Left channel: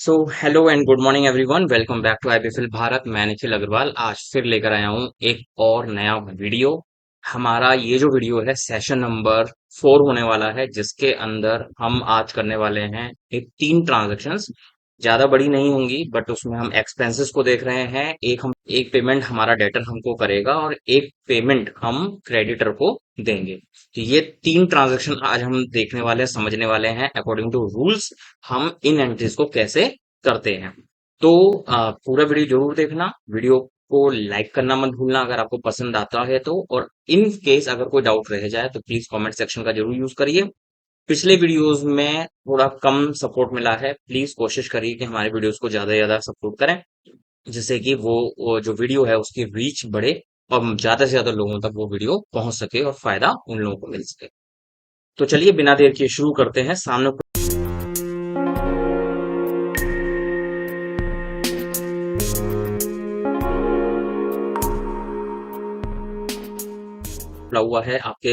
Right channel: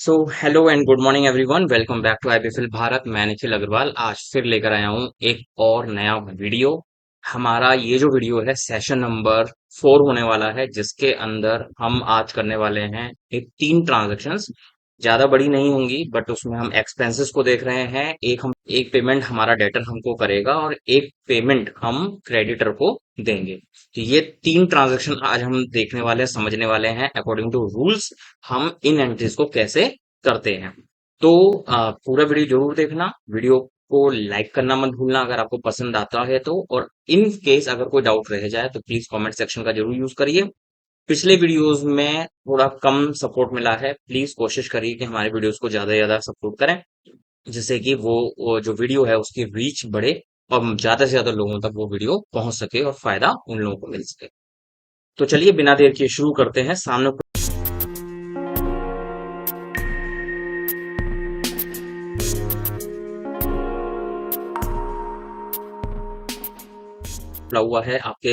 So hello and good morning everyone. Welcome back to IBFL Bharat. मैं निखिल अग्रवाल आज फिर लेकर आया हूँ एक और नया वीडियो। हमारा ये जो वीडियो है सेशन नंबर 4 होने वाला है, जिसके अंदर हम आज करने वाले हैं एक 3 ट्रांजेक्शन्स। ज्यादा बड़ी नहीं होंगी, बट उसमें हम एक्सपेंसेस को देख रहे हैं। एक पेमेंट हमारा डेटर हमको करेगा और एक पेमेंट हम क्रेडिटर को देंगे। तो ये 3 ट्रांजेक्शन आज हम देखने वाले हैं, समझने वाले हैं अकॉर्डिंग टू रूल्स हम इन एंट्रीज को कैसे करते हैं। तो पूरा वीडियो जरूर देखना, वीडियो को लाइक करना मत भूलना अगर आपको पसंद आता है तो। और इन केस अगर कोई डाउट रह जाए तो प्लीज कमेंट सेक्शन का जरूर यूज करिए। पिछले वीडियोस में थोड़ा कम सपोर्ट मिला है, प्लीज कोशिश करिए कि हमारे वीडियोस को ज्यादा से ज्यादा सपोर्ट करें, जिससे कि वो जो वीडियो है उसकी रीच बढ़े और ज्यादा से ज्यादा लोगों तक वो वीडियो पहुंच सके और फायदा उन लोगों को मिल सके। तो चलिए बिना देर किए शुरू करते हैं। सामने खुला हुआ है आपके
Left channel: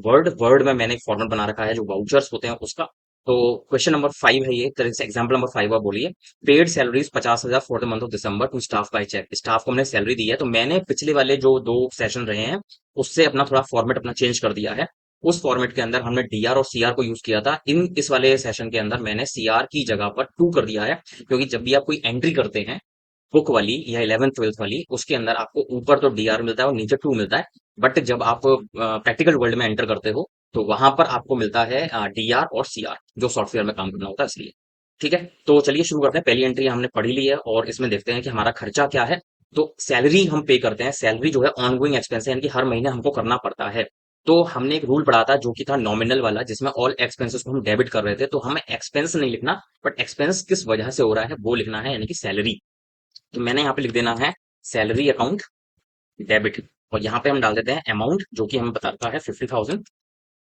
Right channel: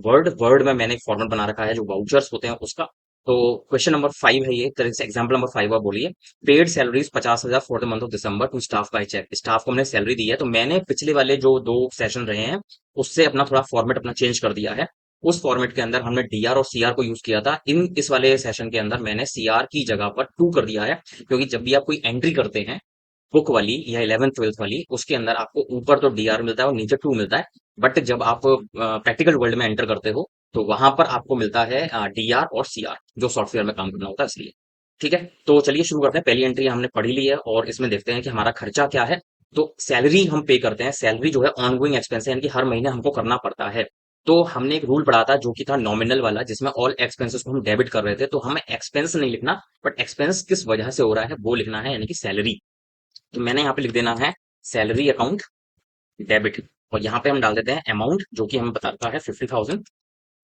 वर्ड वर्ड में मैंने एक फॉर्मेट बना रखा है जो वाउचर्स होते हैं उसका। तो क्वेश्चन नंबर 5 है, ये तरह से एग्जाम्पल नंबर 5 आप बोलिए। Paid salaries 50,000 for the month of December to staff by cheque. Staff को मैंने सैलरी दी है, तो मैंने पिछले वाले जो 2 सेशन रहे हैं उससे अपना थोड़ा फॉर्मेट अपना चेंज कर दिया है। उस फॉर्मेट के अंदर हमने डीआर और सीआर को यूज किया था। इस वाले सेशन के अंदर मैंने सीआर की जगह पर टू कर दिया है, क्योंकि जब भी आप कोई एंट्री करते हैं बुक वाली या 11th 12th वाली, उसके अंदर आपको ऊपर तो डीआर मिलता है और नीचे टू मिलता है। बट जब आप प्रैक्टिकल वर्ल्ड में एंटर करते हो तो वहां पर आपको मिलता है डीआर और सीआर, जो सॉफ्टवेयर में काम करना होता है इसलिए। ठीक है, तो चलिए शुरू करते हैं। पहली एंट्री हमने पढ़ी ली है और इसमें देखते हैं कि हमारा खर्चा क्या है। तो सैलरी हम पे करते हैं। सैलरी जो है ऑनगोइंग एक्सपेंस है, यानी कि हर महीने हमको करना पड़ता है। तो हमने एक रूल पढ़ा था जो कि था नॉमिनल वाला, जिसमें ऑल एक्सपेंसेस को हम डेबिट कर रहे थे। तो हमें एक्सपेंस नहीं लिखना, बट एक्सपेंस किस वजह से हो रहा है वो लिखना है, यानी कि सैलरी। तो मैंने यहाँ पे लिख देना है सैलरी अकाउंट डेबिट। और यहाँ पे हम डाल देते हैं अमाउंट जो कि हमें बताता है 50,000।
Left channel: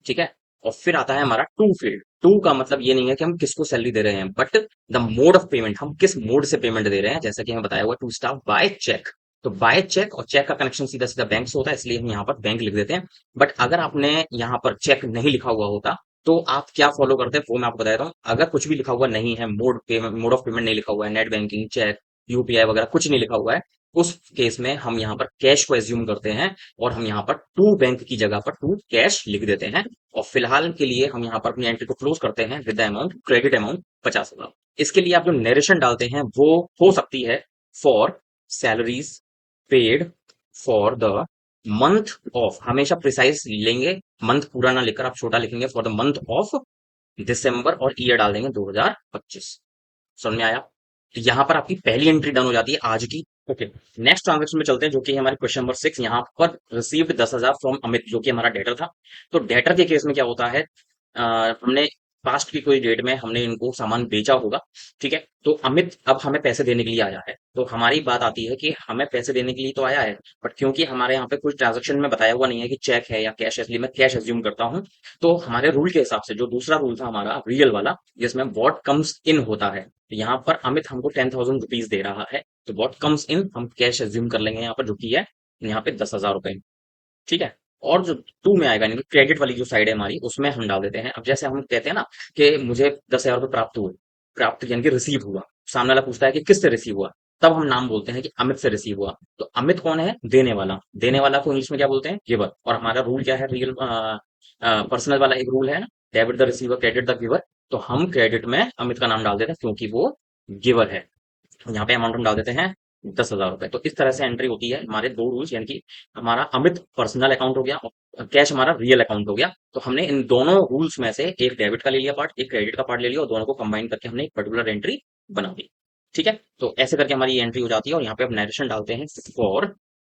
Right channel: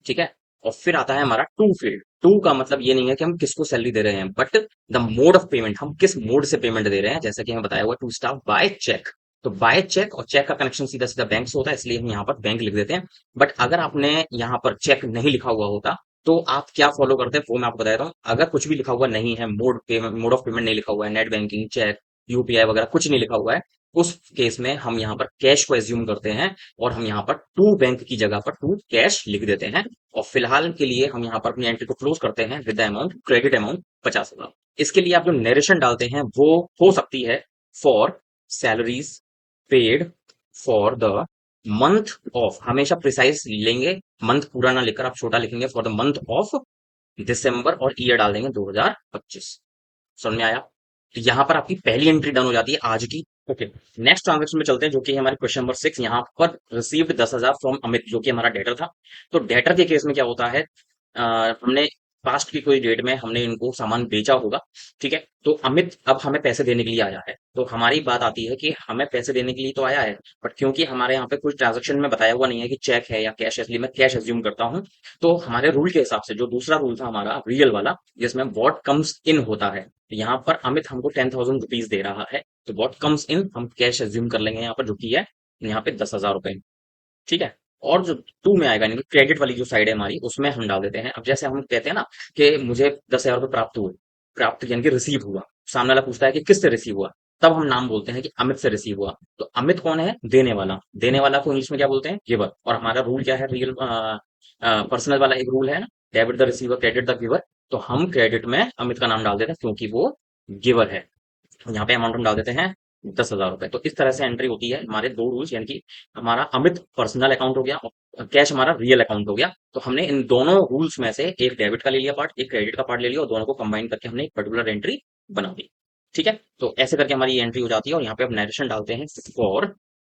ठीक है, और फिर आता है हमारा टू फील्ड। टू का मतलब ये नहीं है कि हम किसको सैलरी दे रहे हैं, but the mode of payment, हम किस मोड से पेमेंट दे रहे हैं। जैसा कि हमें बताया हुआ टू स्टाफ बाय चेक। तो बाय चेक और चेक का कनेक्शन सीधा सीधा बैंक से होता है, इसलिए हम यहाँ पर बैंक लिख देते हैं। बट अगर आपने यहाँ पर चेक नहीं लिखा हुआ होता तो आप क्या फॉलो करते हैं वो मैं आपको बताता हूँ। अगर कुछ भी लिखा हुआ नहीं है, मोड ऑफ पेमेंट नहीं लिखा हुआ है, नेट बैंकिंग, चेक, यूपीआई वगैरह कुछ नहीं लिखा हुआ है, उस केस में हम यहाँ पर कैश को एज्यूम करते हैं और हम यहाँ पर टू बैंक की जगह पर टू कैश लिख देते हैं। और फिलहाल के लिए हम यहाँ पर अपनी एंट्री को क्लोज करते हैं विद अमाउंट क्रेडिट अमाउंट 50,000। इसके लिए आप जो नरेशन डालते हैं वो हो सकती है for salaries paid for the month of, हमेशा प्रिसाइज लेंगे, मंथ पूरा ना लेकर आप छोटा लिखेंगे, फॉर द मंथ ऑफ दिसंबर और ईयर डाल देंगे 2025। समझ में आया? तो यहाँ पर आपकी पहली एंट्री डन हो जाती है आज की। ओके, नेक्स्ट ट्रांजेक्शन में चलते हैं जो कि हमारे क्वेश्चन नंबर 6। यहाँ पर रिसीव्ड 10,000 फ्रॉम अमित, जो कि हमारा डेटर था। तो डेटर के केस में क्या होता है, हमने पास्ट की कोई डेट में हमने इनको सामान बेचा होगा। ठीक है, तो अमित अब हमें पैसे देने के लिए आया है। तो हमारी बात आती है कि हमें पैसे देने के लिए तो आया है, बट क्योंकि हमारे यहाँ पे कोई ट्रांजेक्शन में बताया हुआ नहीं है कि चेक है या कैश है, इसलिए मैं कैश एज्यूम करता हूँ। तो हमारे रूल के हिसाब से जो दूसरा रूल था हमारा रियल वाला, जिसमें व्हाट कम्स इन होता है, तो यहाँ पर अमित हमको 10,000 रुपीज दे रहा है। तो व्हाट कम्स इन हम कैश एज्यूम कर लेंगे यहाँ पर, जो कि है यहाँ पे 10,000 रुपए। ठीक है, और जो टू में आएगा, यानी क्रेडिट वाली जो साइड है हमारी, उसमें हम डाल देते हैं। अब जैसे हम कहते हैं ना कि मुझे 10,000 रुपये प्राप्त हुए, प्राप्त यानी कि रिसीव हुआ, सामने वाला पूछता है कि किससे रिसीव हुआ, तब हम नाम बोलते हैं कि अमित से रिसीव हुआ। तो अमित कौन है, देने वाला। देने वाला को इंग्लिश में क्या बोलते हैं, गिवर। और हमारा रूल क्या है, रियल पर्सनल वाला एक रूल है, debit the receiver credit the giver. तो हम क्रेडिट में अमित का नाम डाल देते हैं क्योंकि वो गिवर है। यहाँ पे अमाउंट हम डाल देते हैं 10,000 रुपए। तो इस तरह से एंट्री होती है। हमारे दो रूल्स, यानी कि हमारा अमित पर्सनल अकाउंट हो गया और कैश हमारा रियल अकाउंट हो गया। तो हमने इन दोनों रूल्स में से एक डेबिट का ले लिया पार्ट, एक क्रेडिट का पार्ट ले लिया, और दोनों को कंबाइन करके हमने एक पर्टिकुलर एंट्री बना दी। ठीक है, तो ऐसे करके हमारी एंट्री हो जाती है। और यहाँ पे आप नरेशन डालते हैं फॉर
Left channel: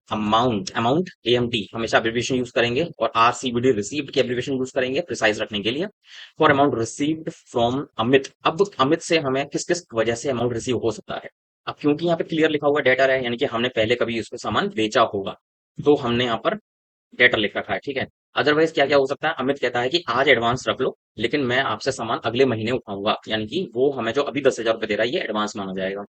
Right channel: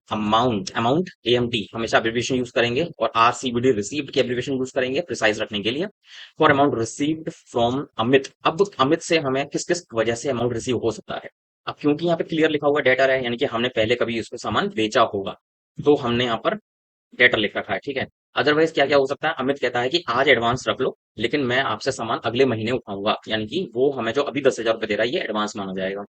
अमाउंट, अमाउंट एएमटी हमेशा एब्रिविएशन यूज करेंगे, और आरसीबीडी रिसीव्ड की एब्रिविएशन यूज करेंगे प्रिसाइज रखने के लिए। For amount received from Amit. अब अमित से हमें किस किस वजह से अमाउंट रिसीव हो सकता है। अब क्योंकि यहाँ पे क्लियर लिखा हुआ डेटा है, यानी कि हमने पहले कभी इसको सामान बेचा होगा, तो हमने यहाँ पर डेटा लिख रखा है। ठीक है, अदरवाइज क्या क्या हो सकता है, अमित कहता है कि आज एडवांस रख लो, लेकिन मैं आपसे सामान अगले महीने उठाऊंगा, यानी कि वो हमें जो अभी 10,000 रुपये दे रहा है ये एडवांस माना जाएगा।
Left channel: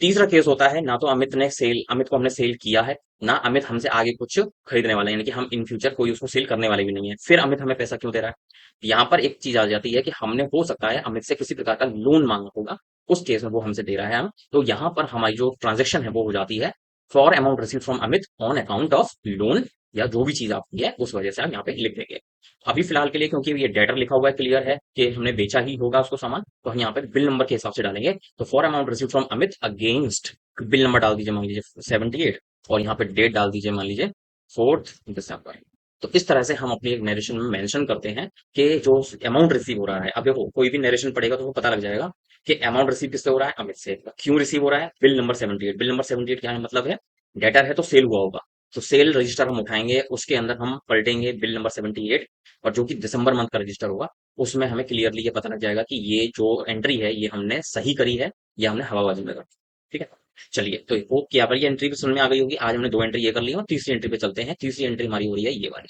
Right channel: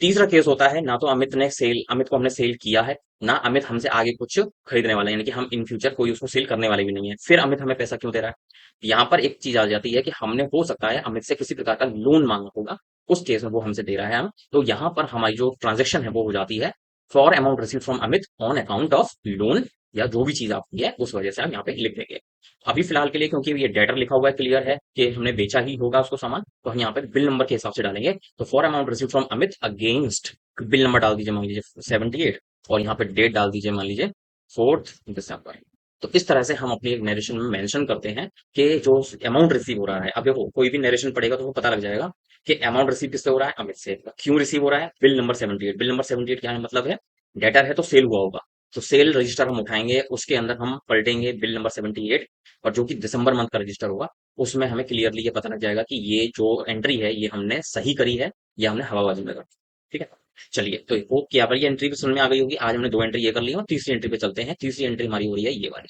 तीसरा केस होता है, ना तो अमित को हमने सेल किया है, ना अमित हमसे आगे कुछ खरीदने वाला है, यानी कि हम इन फ्यूचर कोई उसको सेल करने वाले भी नहीं है, फिर अमित हमें पैसा क्यों दे रहा है? यहाँ पर एक चीज आ जाती है कि हमने हो सकता है अमित से किसी प्रकार का लोन मांगा होगा, उस केस में वो हमसे दे रहा है हम, तो यहाँ पर हमारी जो ट्रांजेक्शन है वो हो जाती है for amount receive from Amit on account of loan, या जो भी चीज आपकी है उस वजह से हम यहाँ पे लिख देंगे। अभी फिलहाल के लिए क्योंकि ये डेटर लिखा हुआ है, क्लियर है कि हमने बेचा ही होगा उसको सामान, तो हम यहाँ पे बिल नंबर के हिसाब से डालेंगे। तो for amount receive from Amit against, bill number डाल दीजिए मान लीजिए 78, और यहाँ पे डेट डाल दीजिए मान लीजिए 4 दिसंबर। तो इस तरह से हम अपनी नरेशन में मेंशन करते हैं कि जो अमाउंट रिसीव हो रहा है, अब देखो कोई भी नरेशन पढ़ेगा तो वो पता लग जाएगा कि अमाउंट रिसीव किससे हो रहा है, अमित से। क्यों रिसीव हो रहा है? Bill number 78। बिल नंबर 78 क्या है मतलब है, डेटर है तो सेल हुआ होगा, तो सेल रजिस्टर हम उठाएंगे, उसके अंदर हम पलटेंगे बिल नंबर 78, और जो कि दिसंबर मंथ का रजिस्टर होगा, उसमें हमें क्लियरली ये पता लग जाएगा कि ये जो एंट्री है ये हमने सही करी है या हमने हवाबाजी में करी। ठीक है, चलिए तो होप कि अब ये एंट्री भी समझ में आ गई होगी। आज हमने दो एंट्री ये कर ली और तीसरी एंट्री पे चलते हैं। तीसरी एंट्री हमारी हो रही है ये वाली,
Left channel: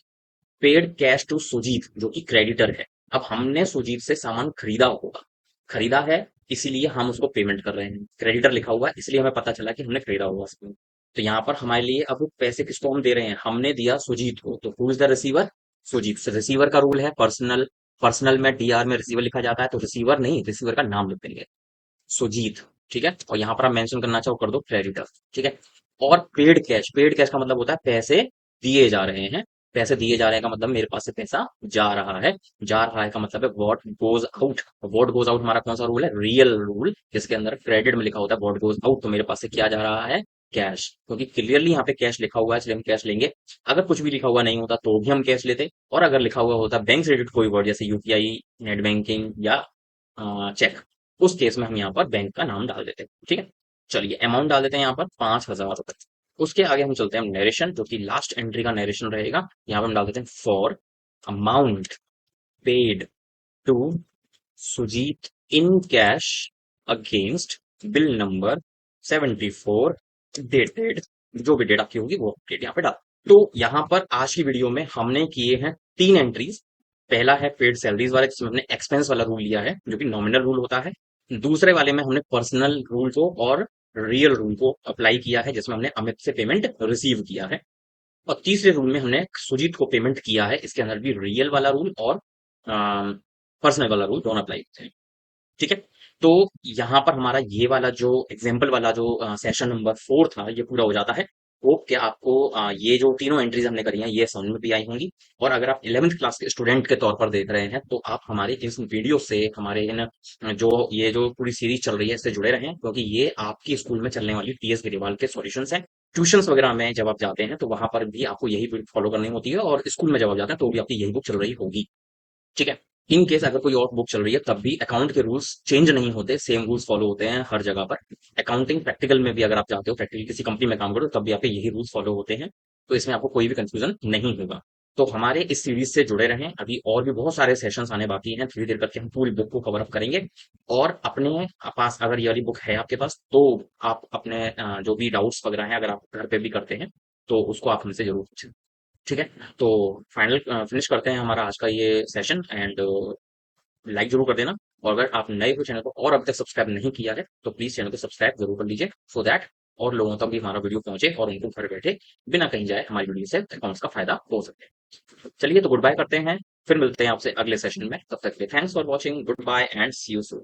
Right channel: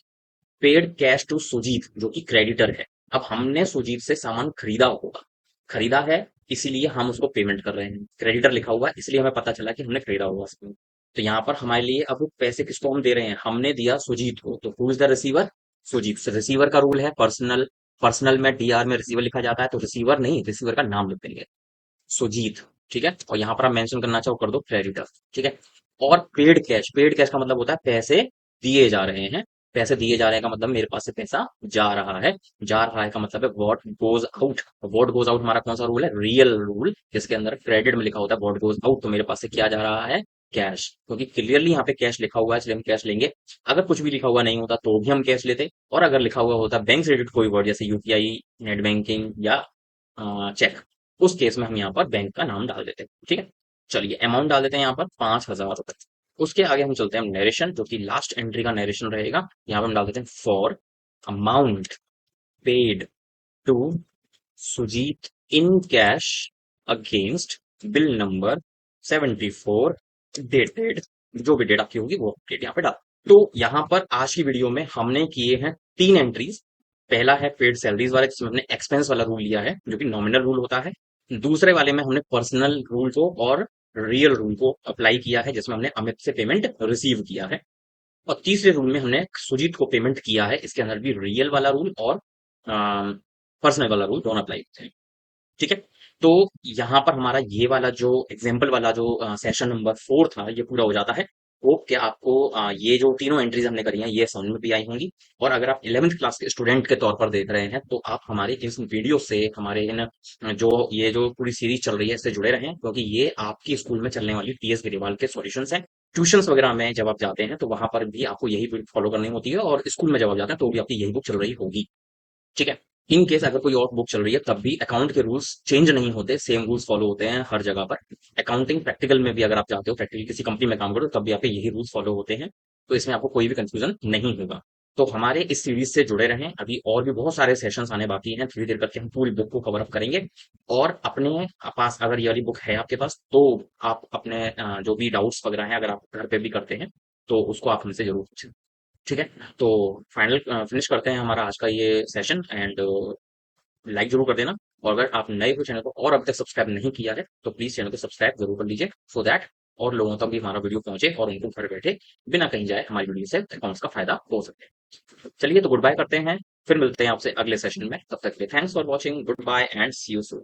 पेड कैश टू सुजीत, जो कि क्रेडिटर है। अब हमने सुजीत से सामान खरीदा होगा, खरीदा है इसीलिए हम उसको पेमेंट कर रहे हैं, क्रेडिटर लिखा हुआ है इसलिए हमें पता चला कि हमने खरीदा होगा उसको। तो यहाँ पर हमारे लिए अब वो पैसे किसको हम दे रहे हैं, हमने दिया सुजीत को, तो who is the receiver? Sujit. Receiver का रूल है पर्सनल, पर्सनल में डीआर में रिसीवर लिखा जाता है, तो रिसीवर नहीं, रिसीवर का नाम लिख देंगे सुजीत। ठीक है, और यहाँ पर हम मेंशन करना चाहो कर दो क्रेडिटर। ठीक है, और पेड कैश, पेड कैश का मतलब होता है पैसे दिए जा रहे हैं। पैसे दिए जा रहे हैं का मतलब मेरे पास से पैसा जा रहा है। जा रहा है का मतलब है what goes out. What goes out हमारा कौन सा रूल है? रियल रूल, जिसके अंदर क्रेडिट में लिखा होता है व्हाट गोज आउट, तो मेरे पास से क्या जा रहा है? कैश, क्योंकि क्लियरली यहाँ पे कैश लिखा हुआ है इसलिए हम कैश लेंगे। अगर कुछ भी लिखा हुआ नहीं होता तो भी हम कैश लेते, और अगर लिखा हुआ होता बैंक क्रेडिट कोई वर्ड जैसे यूपीआई, नेट बैंकिंग या चेक, उस केस में हम यहाँ पर बैंक का नाम डाल देते हैं। ठीक है, चलिए अमाउंट डाल देते हैं यहाँ पर 5,000 रुपए। उसके आगे हम चलते हैं नरेशन, जो कि लास्ट एंट्री का नरेशन रहेगा। यहाँ पर हम डाल देते हैं for amount paid to Sujit in cash against bill number 74 dated, जो भी डेट आपकी होगी वो डेट यहाँ पे डाल। तो यहाँ पर आज की वीडियो में हमने किए हैं 3 एंट्रीज। पहला है पेड सैलरीज वाला, जिसमें हमने एक्सपेंस वाला रूल लिया है जो कि नॉमिनल रूल होता है। दूसरे वाले में हमने पर्सनल रूल को और रियल रूल को अप्लाई किया है, जिसमें हमने अमित से पेमेंट रिसीव किया है। और तीसरे रूल में हमने सुजीत को पेमेंट किया है, इसके अंदर भी रियल वाला रूल और पर्सनल वाला रूल दोनों अप्लाई किया है। ठीक है, तो यहाँ पर हमारा ये वाला जो एग्जाम्पल वाला जो सेशन नंबर 4 था ये पूरा हो जाता है। होप कि आपको ये जो तीनों एंट्रीज हमने करी हैं ये समझ में भी आई होंगी। और अगर आप 11th क्लास के स्टूडेंट के तौर पर देख रहे हैं तो आप हमारे इस वीडियो से, हमारे इन जो ये जो पूरी सीरीज चल रही है इससे जुड़े रहें, क्योंकि ये आपके स्कूल में चलने वाली टीएस गिरेवाल के सॉल्यूशंस हैं। ट्यूशंस वगैरह में जब आप जाते हैं तो वहां पर भी आपको यही फॉलो करनी होती है, और स्कूल में जब आप जाते हैं तो भी आपकी यही बुक चल रही होगी। ठीक है, इन केस अगर कोई और बुक चल रही है तब भी अकाउंट के रूल्स चेंज नहीं होते, सेम रूल्स फॉलो होते हैं हर जगह पर। अकाउंटिंग प्रैक्टिकल में भी अगर आप चाहते हो, प्रैक्टिकल किसी कंपनी में काम करो तब भी आपके यही रूल्स फॉलो होते हैं, तो इसमें आपको कोई भी कंफ्यूजन नहीं होगा। तो हमारे इस सीरीज से जुड़े रहें, अभी और भी बहुत सारे सेशंस आने बाकी हैं, थोड़ी देर बाद के हम पूरी बुक को कवर अप करेंगे। और अपने पास अगर ये वाली बुक है आपके पास तो आप अपने जो भी डाउट्स वगैरह हैं अगर आप घर पे भी करते हैं तो उसको आप हमसे जरूर पूछें। ठीक है, तो फाइनल फिनिश करते हैं हमारा आज का ये सेशन, एंड लाइक जरूर कर देना। और अगर आप नए हो चैनल को और अभी तक सब्सक्राइब नहीं किया है तो प्लीज चैनल को सब्सक्राइब जरूर कर लीजिए, सो दैट और लोगों तक भी हमारा वीडियो पहुंचे और उनको घर बैठे बिना कहीं जाए हमारी वीडियो से अकाउंट्स का फायदा हो सके। चलिए तो गुड बाय करते हैं, फिर मिलते हैं आपसे अगले सेशन में, तब तक के thanks for watching, good bye and see you soon.